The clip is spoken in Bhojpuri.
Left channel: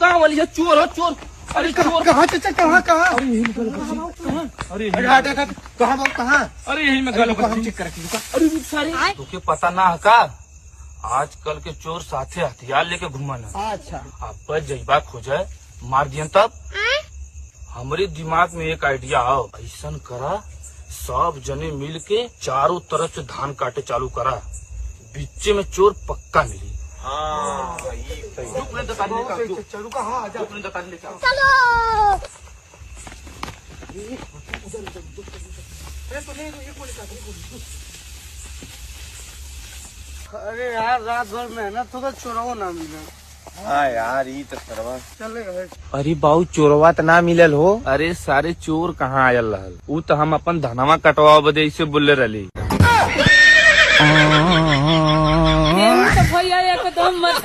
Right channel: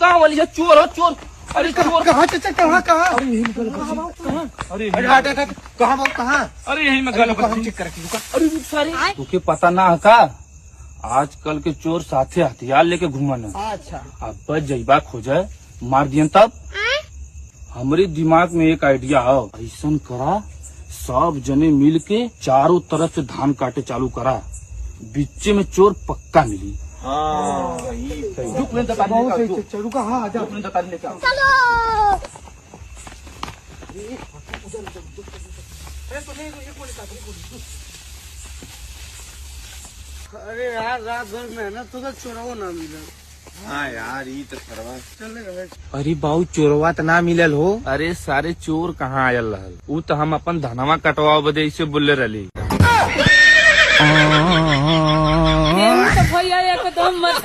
कहाँ वाली है? चोर हो चोर। अरे चोर कहाँ चाचा कहाँ कहाँ? अरे यही में गलत कहाँ? अरे अरे हट हट हट कहाँ बोल कहाँ? अरे यही में गलत चेक कर रुका। अरे रुक सारे तुके पता ना है का आजकल के चोर साथे हथियार लेके घूमन है। अच्छा अब बच जइबा खोजे मार दियन तब। हमरे दिमाग में एक आइडिया है, ऐसा करा सब जने मिल के चारों तरफ से धान काटे चालू करा, बीचे में चोर पक्का मिली। हाँ सही सही। रुक ले दता बहुत सही चाचा रुका। हाँ आजा अपने दता लेके आओ। अरे यार रात भर मेहनत होगा चोरवा ना मिला। हाँ यार ये तो सरवा चलेगा। अरे बाऊ चोरवा त ना मिलल हो। अरे सारे चोर कहाँ आयल रहल, ऊ तो हम अपन धनवा कटवाओ बदे ऐसे बोले रही। भैया एकदम मत